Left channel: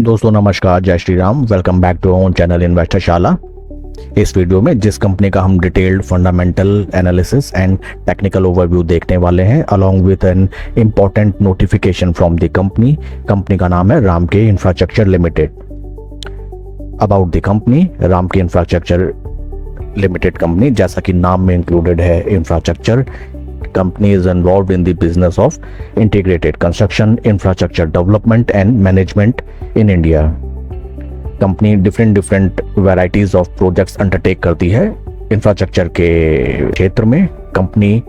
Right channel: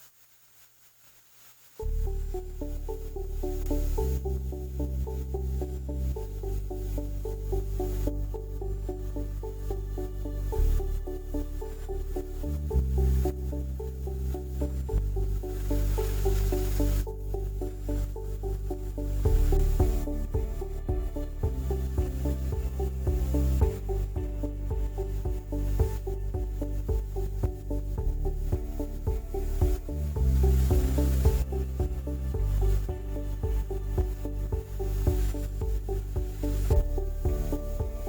दोस्तों नमस्कार, जय Shri Ram. Welcome back to our channel investor Shala. इस वीडियो में जिस कंपनी का हम detailed fundamental analysis and technical overview देखने वाले हैं along with an important notification from the company का नाम है Ramky infrastructure limited. About the company, Ramky infrastructure limited company, जैसा कि नाम में इंक्लूडेड है infrastructure, company is involved in the business of integrated construction, infrastructure development and management in India. Company different varieties of projects undertake करती है infrastructure के क्षेत्र में। कंपनी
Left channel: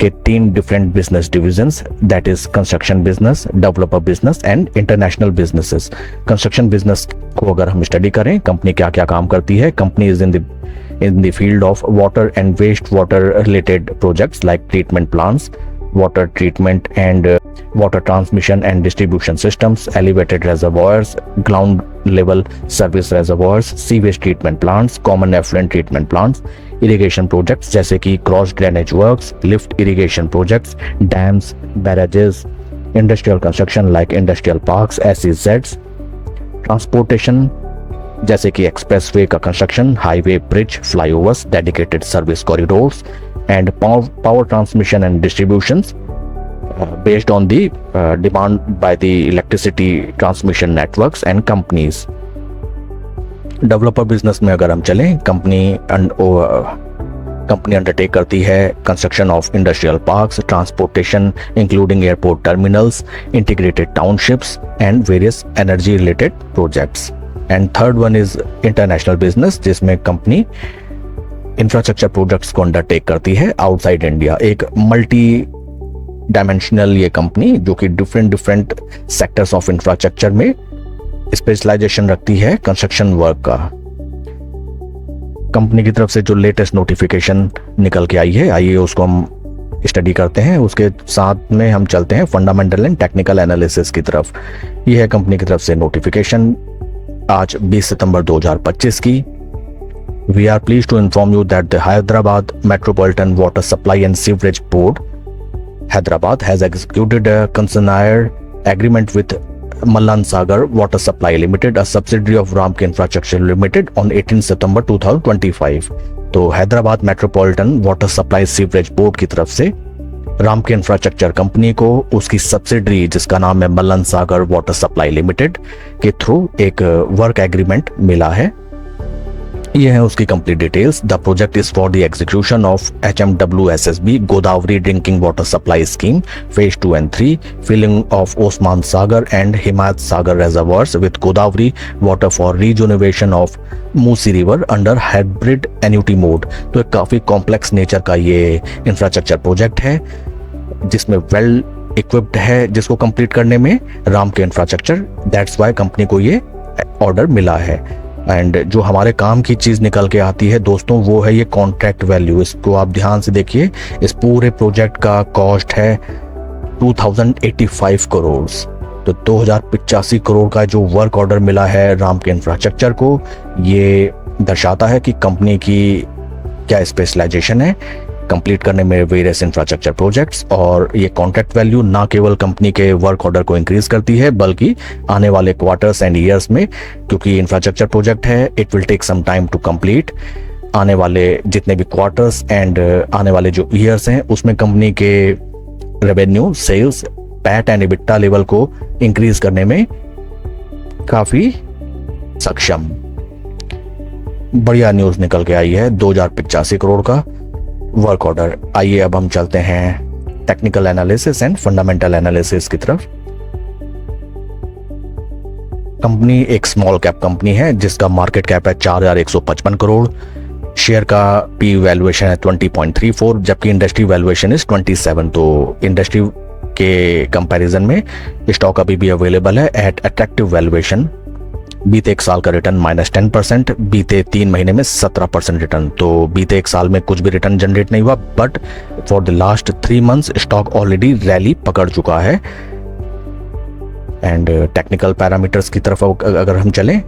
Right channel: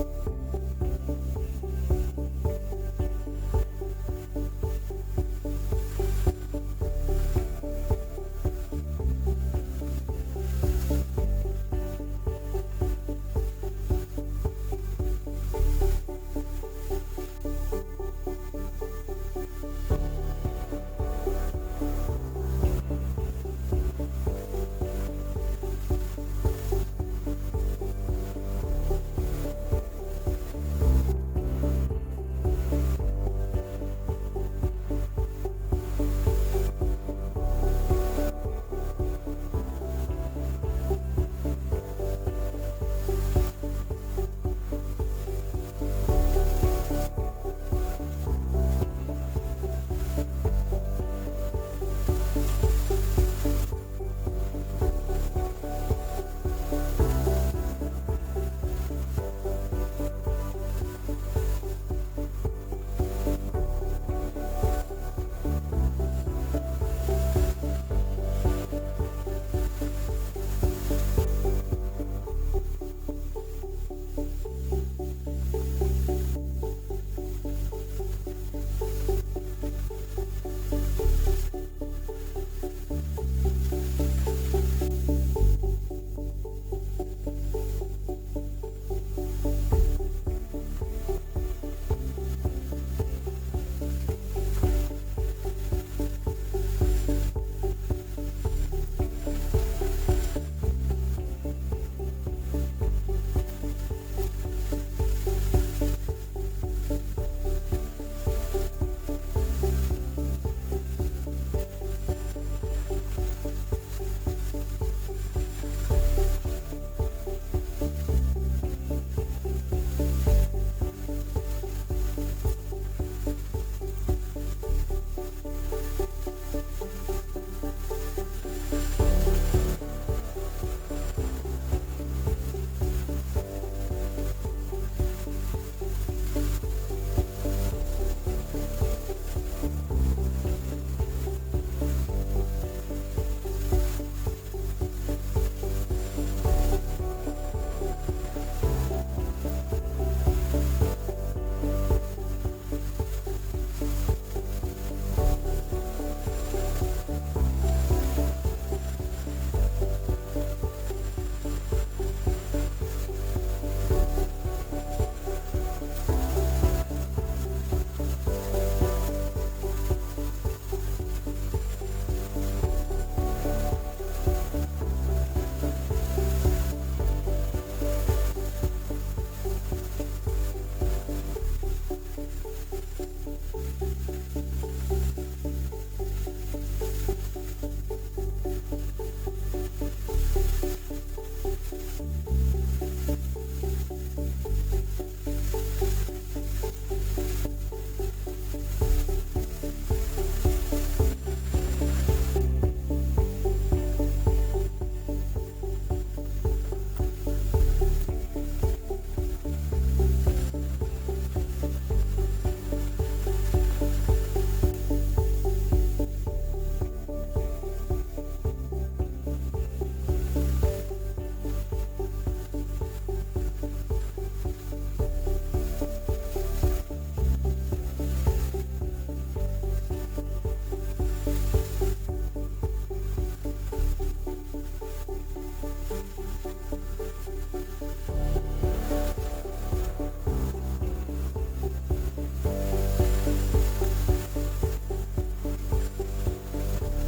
के 3 different business divisions, that is construction business, developer business and international businesses. Construction business को अगर हम study करें, कंपनी क्या क्या काम करती है। Company is in the field of water and wastewater related projects like treatment plants, water treatment and water transmission and distribution systems, elevated reservoirs, ground level service reservoirs, sewage treatment plants, common effluent treatment plants, irrigation projects जैसे कि cross drainage works, lift irrigation projects, dams, barrages, industrial construction like industrial parks, SEZs, transportation जैसे कि expressway का construction, highway, bridge, flyovers, dedicated service corridors and power transmission and distribution based on the demand by the electricity transmission networks and companies. Developer business में अगर हम चलें, company undertake करती है construction of industrial parks, transportation including airport terminals, integrated townships and various energy related projects. And third one is international business, जिसमें company infrastructure projects को undertake करती है आउटसाइड इंडिया। एक मल्टी डायमेंशनल ये company जो कि डिफरेंट सेक्टर्स ऑफ इंफ्रास्ट्रक्चर में specialisation रखती है कंस्ट्रक्शन वर्क का। कंपनी की तरफ से जो लेटेस्ट नोटिफिकेशन निकल के आई है, आइए उसको हम स्टडी करते हैं। उसके साथ में हम चलते हैं फंडामेंटल एंड टेक्निकल एनालिसिस की तरफ। यह है कंपनी की तरफ से नोटिफिकेशन आज 20 सितंबर 2025 की। We are pleased to inform you that the Hyderabad metropolitan water supply and sewerage board Hyderabad has executed a concessionaire agreement with Mallan Sagar Water Supply Limited, a subsidiary of Ramke Infrastructure Limited on 18 September 2025। तो Hyderabad metropolitan water supply sewerage board की तरफ से रामके infrastructure company को उसकी subsidiary जिसका नाम है Mallan Sagar water supply limited के थ्रू एक वर्क एग्रीमेंट मिला है। ये है उसकी complete details. The project is for the execution of HMWSSB Godavari drinking water supply scheme phase 2 and 3, filling of Osman Sagar and Himayat Sagar reservoirs with Godavari water for rejuvenation of Musi river under hybrid annuity mode. तो एक काफ़ी complex nature का ये infrastructure project है जिसमें well equipped है, जिसको complete करने में रामके इंफ्रास्ट्रक्चर, दैट्स वाई कंपनी को ये ऑर्डर मिला है। एंड जो हमारे काम की चीज़ निकल के आती है दोस्तों, वो है ये कॉन्ट्रैक्ट वैल्यू। इसको आप ध्यान से देखिए। इस पूरे प्रोजेक्ट का कॉस्ट है 2085 करोड़। तो 2085 करोड़ का जो वर्क ऑर्डर मिला है रामके इंफ्रास्ट्रक्चर को, ये दर्शाता है कि कंपनी की क्या स्पेशलाइजेशन है कंप्लीट करने में वेरियस इंफ्रास्ट्रक्चर प्रोजेक्ट्स। और ये कॉन्ट्रैक्ट वैल्यू ना केवल कंपनी के वर्क ऑर्डर को इंक्रीज करती है बल्कि आने वाले क्वार्टर्स एंड ईयर्स में, क्योंकि इंफ्रास्ट्रक्चर प्रोजेक्ट है, it will take some time to complete. आने वाले जितने भी क्वार्टर्स एंड आने वाले जो ईयर्स हैं उसमें कंपनी के revenue, sales, PAT and EBITDA level को इंक्रीज करने में काफ़ी सक्षम। बढ़िया न्यूज़ निकल के आई है 2085 करोड़ का वर्क ऑर्डर। आइए अब हम चलते हैं technical analysis and fundamental analysis की तरफ। कंपनी एक स्मॉल कैप कंपनी है जिसका मार्केट कैप है 4155 करोड़। शेयर का पी वैल्यूएशन है 20.34, जबकि इंडस्ट्री वैल्यूएशन इज 27। तो इंडस्ट्री के कंपैरिजन में स्टॉक अभी भी अवेलेबल है एट अट्रैक्टिव वैल्यूएशन। बीते एक साल का रिटर्न -10%, बीते 3 महीने में 17% रिटर्न। तो बीते एक साल में कुछ भी रिटर्न जनरेट नहीं हुआ, but for the last 3 months stock already rally पकड़ चुका है। एंड टेक्निकल पैरामीटर्स की तरफ अगर हम चलें,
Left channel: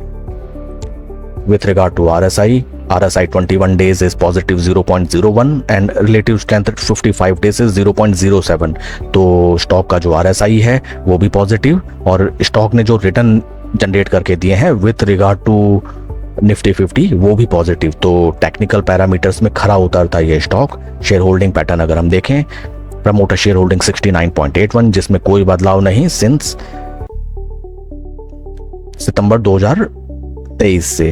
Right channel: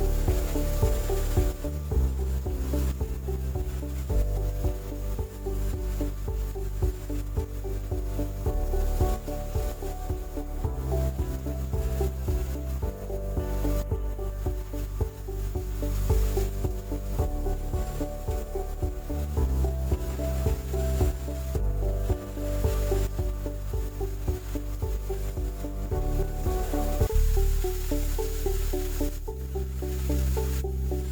with regard to RSI 21 days is positive 0.01 and relative strength 55 days is 0.07। तो स्टॉक का जो RSI है वो भी पॉजिटिव और स्टॉक ने जो रिटर्न जनरेट करके दिए हैं विथ रिगार्ड टू निफ्टी 50 वो भी पॉजिटिव। तो टेक्निकल पैरामीटर्स में खरा उतरता है ये स्टॉक। शेयर होल्डिंग पैटर्न अगर हम देखें, प्रमोटर शेयर होल्डिंग 69.81 जिसमें कोई बदलाव नहीं सिंस सितंबर 2023 से।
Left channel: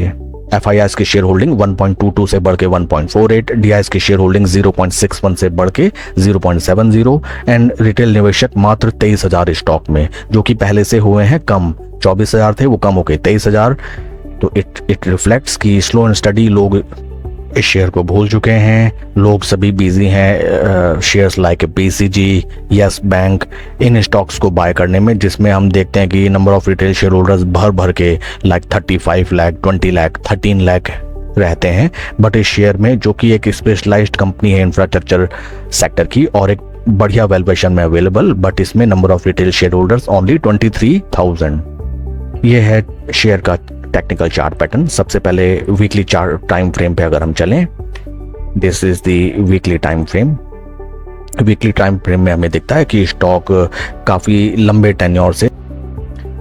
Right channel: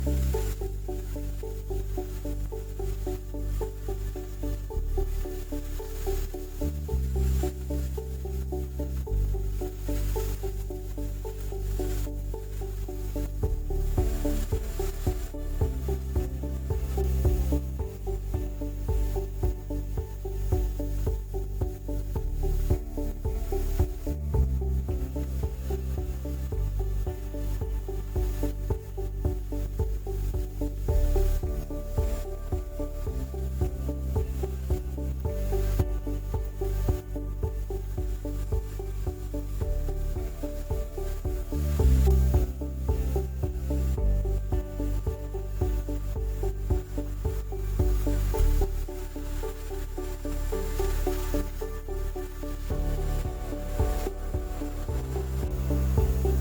FIIs की शेयर होल्डिंग 1.22 से बढ़ के 1.48, DIs की शेयर होल्डिंग 0.61 से बढ़ के 0.70 एंड रिटेल निवेशक मात्र 23,000 स्टॉक में, जो कि पहले से हुए हैं कम। 24,000 थे वो कम हो गए 23,000। तो इट रिफ्लेक्ट्स कि स्लो एंड स्टडी लोग इस शेयर को भूल चुके हैं। लोग सभी बिजी हैं shares like BCG, yes bank, इन स्टॉक्स को बाय करने में, जिसमें हम देखते हैं कि number of retail shareholders भर भर के लाइक 35 लाख, 20 लाख, 13 लाख रहते हैं। बट इस शेयर में, जो कि एक स्पेशलाइज्ड कंपनी है इंफ्रास्ट्रक्चर सेक्टर की और एक बढ़िया वैल्यूएशन में अवेलेबल, बट इसमें number of retail share holders only 23,000। ये है शेयर का टेक्निकल चार्ट पैटर्न। सबसे पहले वीकली चार्ट टाइम फ्रेम पे अगर हम चलें, this is the weekly time frame. Weekly time frame में हमें दिखता है कि स्टॉक काफ़ी लंबे टेन्योर से,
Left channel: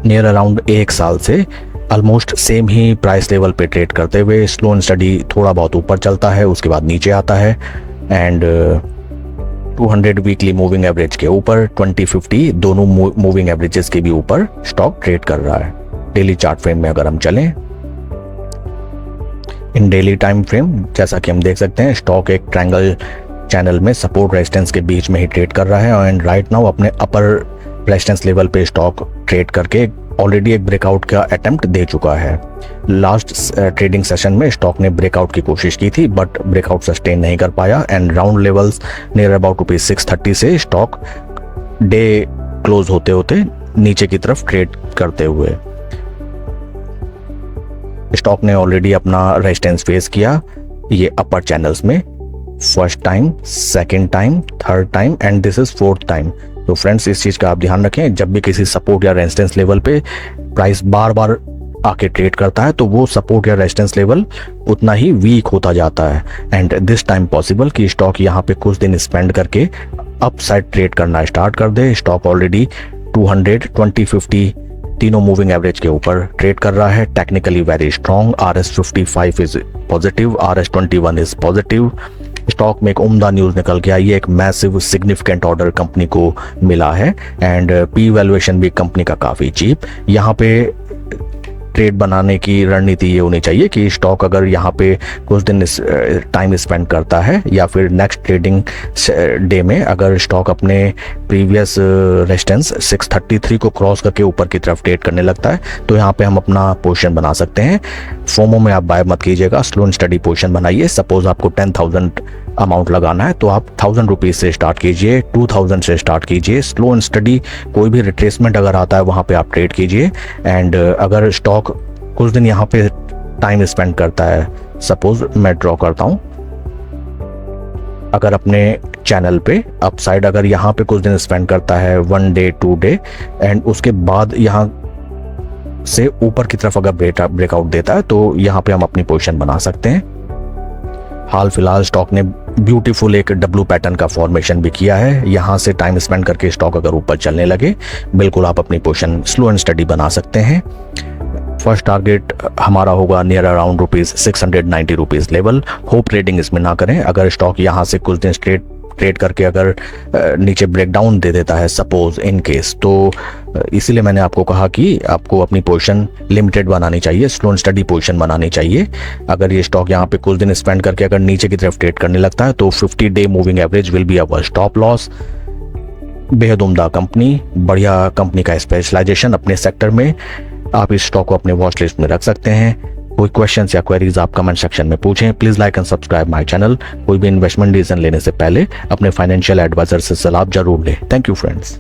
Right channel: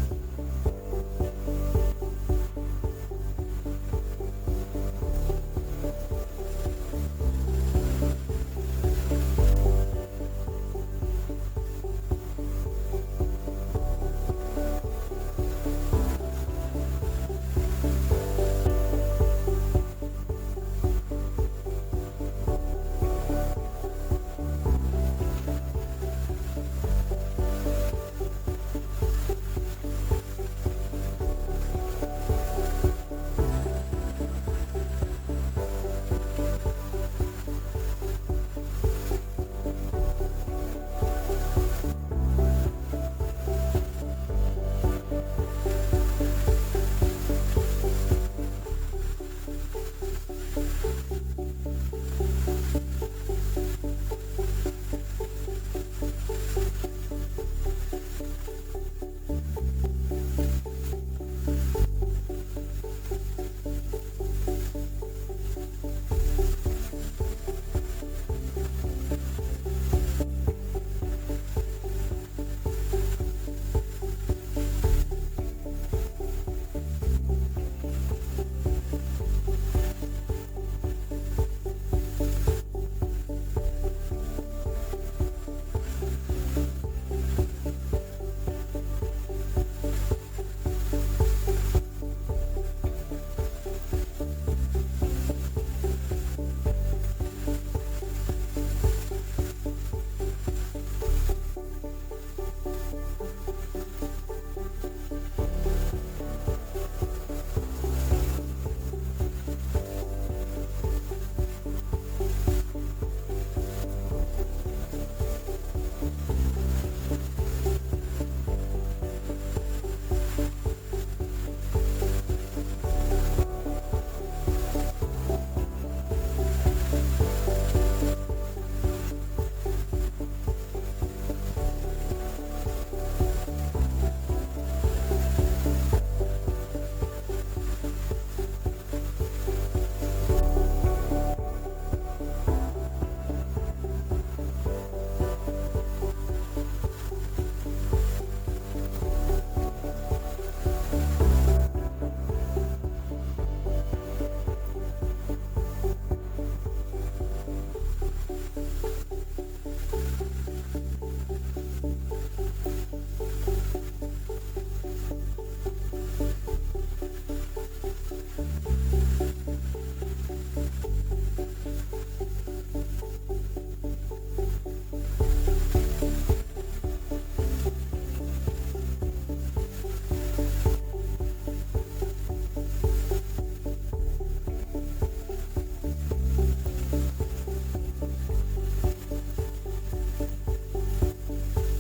नियर अराउंड 1 साल से ऑलमोस्ट सेम ही प्राइस लेवल पे ट्रेड करते हुए स्लो एंड स्टडी थोड़ा बहुत ऊपर चलता है, उसके बाद नीचे आता है एंड 200 वीकली मूविंग एवरेज के ऊपर, 20-50 दोनों मूविंग एवरेजेस के भी ऊपर स्टॉक ट्रेड कर रहा है। डेली चार्ट फ्रेम में अगर हम चलें, इन डेली टाइम फ्रेम जैसा कि हम देख सकते हैं स्टॉक एक ट्रायंगल चैनल में सपोर्ट रेजिस्टेंस के बीच में ही ट्रेड कर रहा है एंड राइट नाउ अपने अपर रेजिस्टेंस लेवल पे स्टॉक ट्रेड करके ऑलरेडी एक ब्रेकआउट का अटेम्प्ट दे चुका है। लास्ट ट्रेडिंग सेशन में स्टॉक ने ब्रेकआउट की कोशिश की थी बट ब्रेकआउट सस्टेन नहीं कर पाया and round levels near about ₹630 से स्टॉक डे क्लोज होते होते नीचे की तरफ ट्रेड करते हुए स्टॉक ने ऑलरेडी अपना रेजिस्टेंस फेस किया ये अपर चैनल्स में, first time, second time, third time and this is fourth time. तो फ्रेंड्स इस चीज़ का आप ध्यान रखें, जब भी किसी सपोर्ट या रेजिस्टेंस लेवल पे प्राइस बार बार आके ट्रेड करता है तो वो सपोर्ट या रेजिस्टेंस लेवल उतना ही वीक होता जाता है एंड दिस टाइम पॉसिबल कि स्टॉक यहाँ पे कुछ दिन स्पेंड करके अप साइड ट्रेड करना स्टार्ट कर दे। स्टॉक ऑलरेडी 200, 20, 50 तीनों मूविंग एवरेज के ऊपर ट्रेड कर रहा है। Technically very strong, RS55 is positive, RS21 is positive. Stock में एक उम्दा न्यूज़ निकल के आई है, एक मैसिव सिग्निफिकेंट ऑर्डर कंपनी को मिला है एंड पी वैल्यूएशन भी कंपनी का काफ़ी चीप। यहाँ पे ट्रेड बनाने की रणनीति ये होनी चाहिए कि स्टॉक अगर यहाँ पे कुछ दिन टाइम स्पेंड करता है या फिर नेक्स्ट ट्रेडिंग डे में अगर स्टॉक अपने प्रीवियस रेजिस्टेंस 633 को क्रॉस करके ऊपर की तरफ ट्रेड करने लगता है तो यहाँ पे हम अपना पोजीशन बना सकते हैं। फोमो में आप बाय मत कीजिएगा, स्लो एंड स्टडी पोजीशन बनाइए। सपोज आपको 10,000 अमाउंट लगाना है तो आप 1,000 रुपीज़ से स्टार्ट कीजिए, 2,000 से स्टार्ट कीजिए। स्लो एंड स्टडी कोई भी रिट्रेसमेंट अगर आता है वहाँ पे आप ट्रेड कीजिए एंड अगर स्टॉक कुछ दिन यहाँ पे टाइम स्पेंड करता है, सपोज मैं ड्रॉ करता हूँ, अगर अपने चैनल पे अपसाइड अगर यहाँ पे कुछ दिन स्पेंड करता है 1 डे 2 डे एंड उसके बाद यहाँ से ऊपर की तरफ अगर ब्रेकआउट देता है तो यहाँ पे हम अपनी पोजीशन बना सकते हैं। हाल फिलहाल स्टॉक ने ब्यूटीफुल एक डब्लू पैटर्न का फॉर्मेशन भी किया है। यहाँ से टाइम स्पेंड करके स्टॉक अगर ऊपर चलने लगे बिल्कुल आप अपनी पोजीशन स्लो एंड स्टडी बना सकते हैं। फर्स्ट टारगेट हमारा होगा near around ₹690 level. Hope trading इसमें ना करें। अगर स्टॉक यहाँ से कुछ दिन ट्रेड करके अगर नीचे ब्रेकडाउन दे देता है सपोज इन केस, तो इसीलिए मैंने आपको कहा कि आपको अपनी पोजीशन लिमिटेड बनानी चाहिए, स्लो एंड स्टडी पोजीशन बनानी चाहिए। अगर ये स्टॉक यहाँ पे कुछ दिन स्पेंड करके अगर नीचे की तरफ ट्रेड करने लगता है तो 50 day moving average will be our stop loss. बेहद उम्दा कंपनी, बढ़िया कंपनी का स्पेशलाइजेशन अपने सेक्टर में, आप इस स्टॉक को अपने वॉच लिस्ट में रख सकते हैं। कोई क्वेश्चंस या क्वेरीज आप कमेंट सेक्शन में पूछें। Please like and subscribe my channel. कोई भी इन्वेस्टमेंट डिसीजन लेने से पहले अपने फाइनेंशियल एडवाइजर से सलाह जरूर लें। Thank you friends.